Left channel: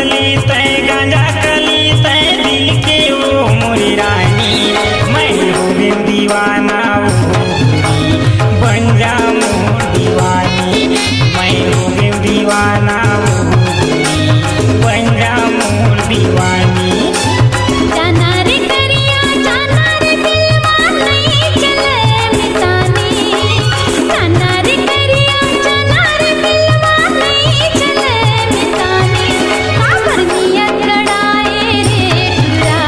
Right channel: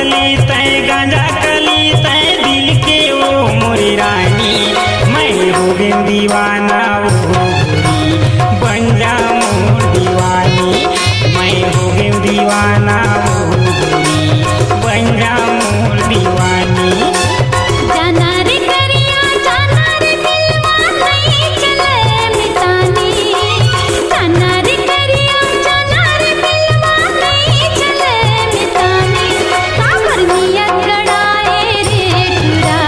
कली तय गांजा कली तय दिल के ओ मोरी रानी मैं हो गई दीवाना ओ गोरी बन जा मोर दीवानी मैं हो गई दीवाना ओ गोरी बन जा मोर दीवानी। जाना रे करिया जाना रे दिलवा नहीं चले मितानी जाना रे करिया जाना रे दिलवा नहीं चले मितानी काबर नियत गड़ाए रे टुरा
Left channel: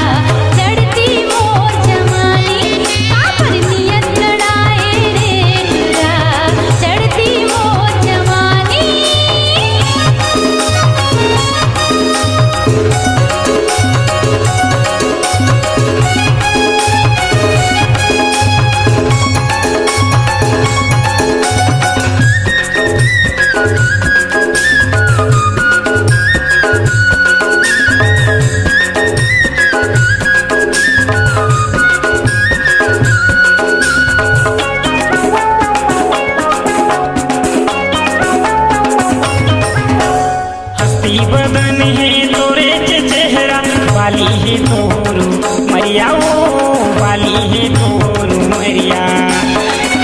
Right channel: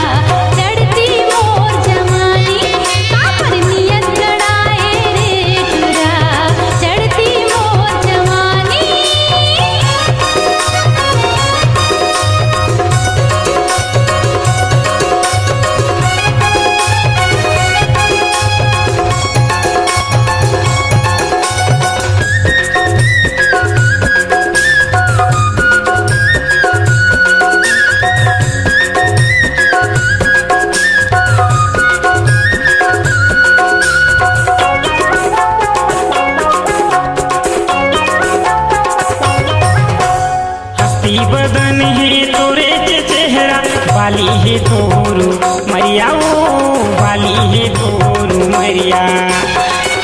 चढ़ती मोर जवानी काबर नियत गड़ाए रे टुरा चढ़ती मोर जवानी। हस्ती बदन है तोरे चेहरा बाली है तोरू मरिया ओ बाली है तोरू मरिया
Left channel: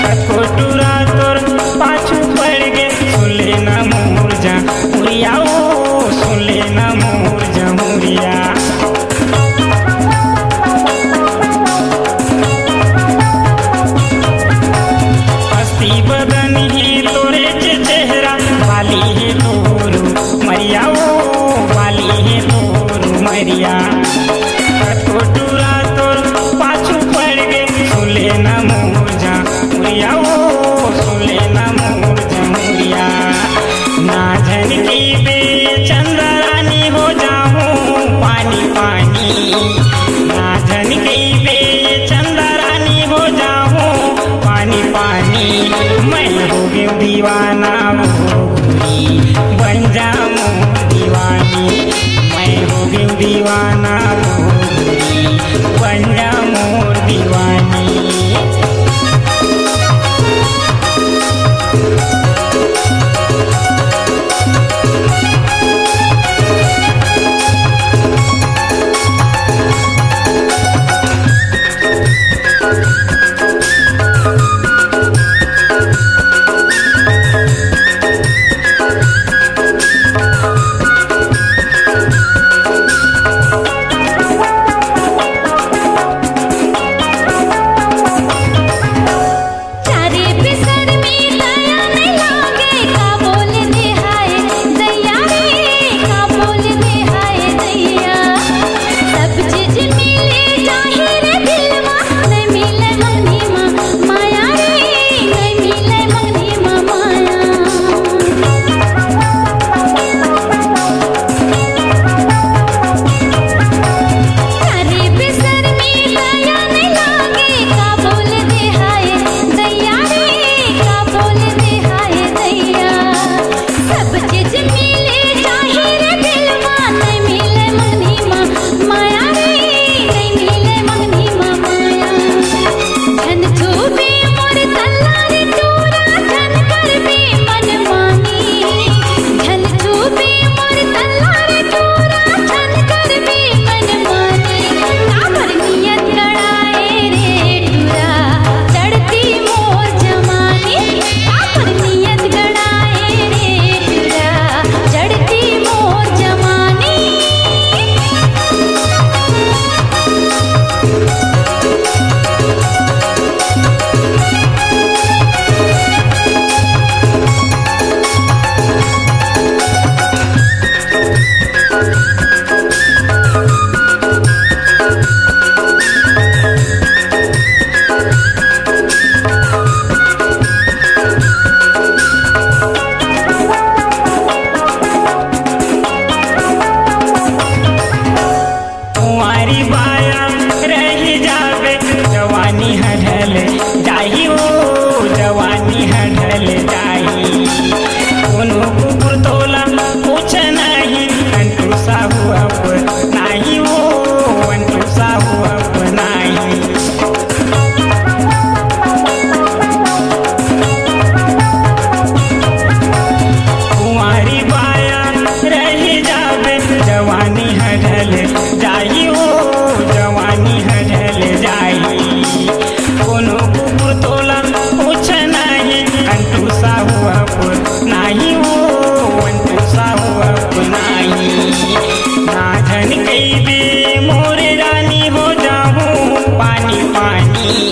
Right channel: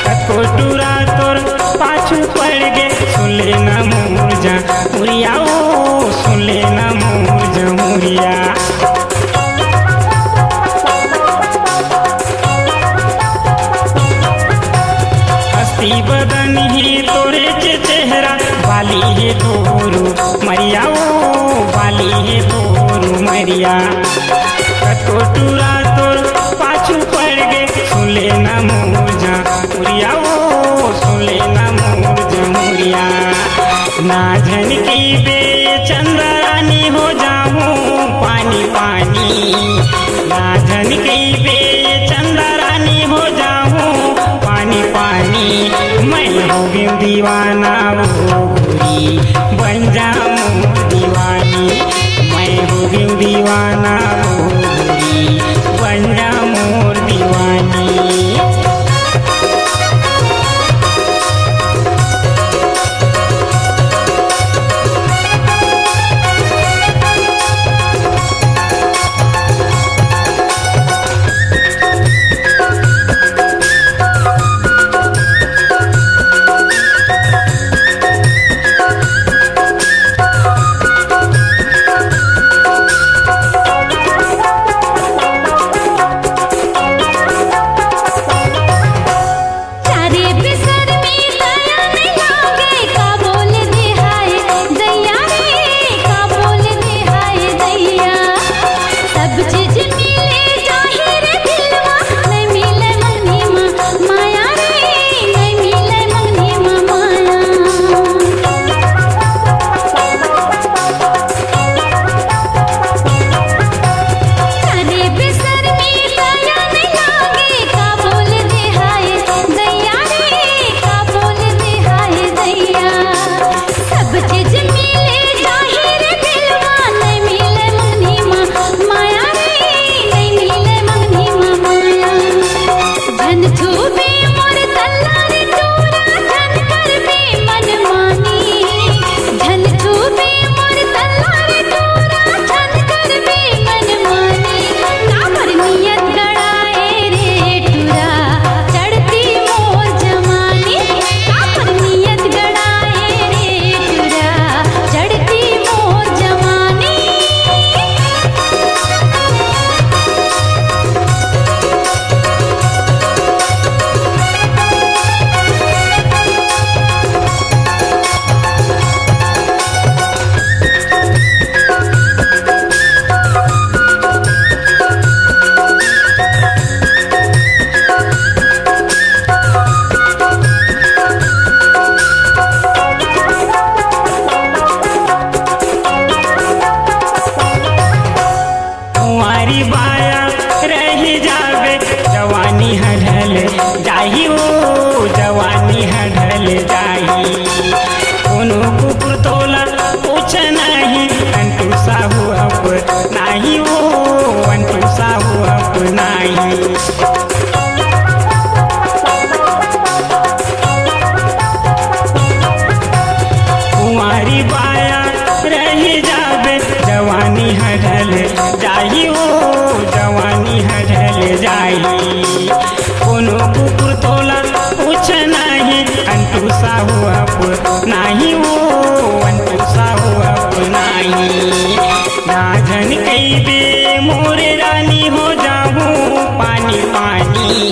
कको टूरा तोर पाछू पड़ गे सुन लेना मोर जा मुरिया ओ सुन लेना मोर जा मुरिया। हस्ती बदन ही तोरे चेहरा बाली है तोरू मरिया ओ बाली है तोरू मरिया कतो टूरा तोर पाछू पड़ गे सुन लेना मोर जा मुरिया ओ सुन लेना मोर जा मुरिया। ना झन की बे चंद्रानी हो जाऊं पानी पानी ना झन की बे चंद्रानी हो जाऊं पानी पानी मैं हो गई दीवाना ओ गोरी बन जा मोर दीवानी मैं हो गई दीवाना ओ गोरी बन जा मोर दीवानी। जाही ओ जवानी हढ़ल जाही कोनो कुकुर तोला कुछ नहीं अंटू साहू अब नहीं वो अंटू साहू अब नहीं। कुंवारी बाया रह जावे जवानी हरल जाई हो जवानी हरल जाई कोनो कुकुर तोला पूछ नहीं अंटू साहू अप नहीं हो अंटू साहू अप नहीं ना झन कई दे मोरे रानी हो जाऊं पानी पानी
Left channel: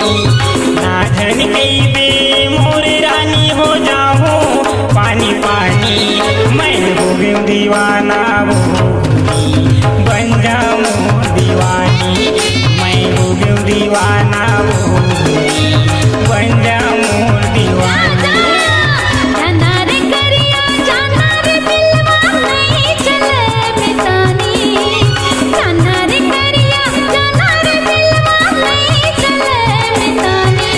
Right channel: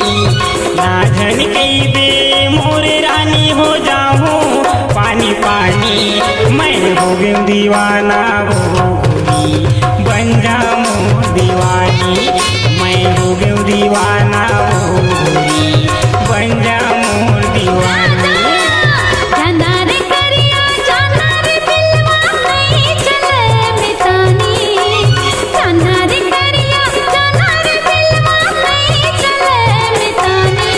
ना झन कई दे मोरे रानी हो जाऊं पानी पानी मैं हो गई दीवाना वो बन जाऊं दीवानी मैं हो गई दीवाना वो बन जाऊं दीवानी जाना रे करिया जाना रे दिलवा नहीं चले मितानी जाना रे करिया जाना रे दिलवा नहीं चले मितानी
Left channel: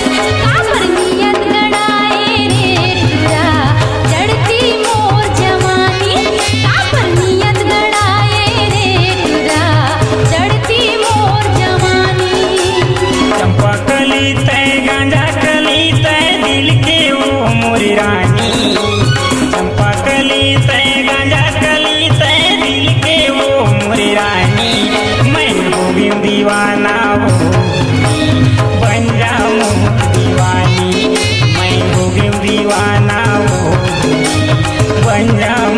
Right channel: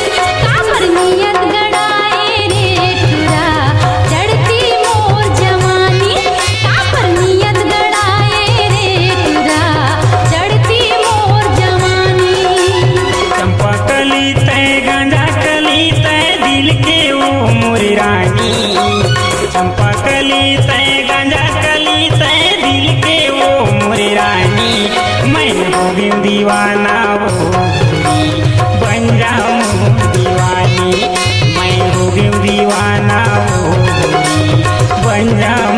काबर नियत गड़ाए रे टुरा जड़ती मोर जवानी काबर नियत गड़ाए रे टुरा जड़ती मोर जवानी चंपा कली तय गांजा कली तय दिल के वो मोरी रानी चंपा कली तय गांजा कली तय दिल के वो मोरी रानी मैं हो गई दीवाना वो बन जाऊं दीवानी मैं हो गई दीवाना वो बन जाऊं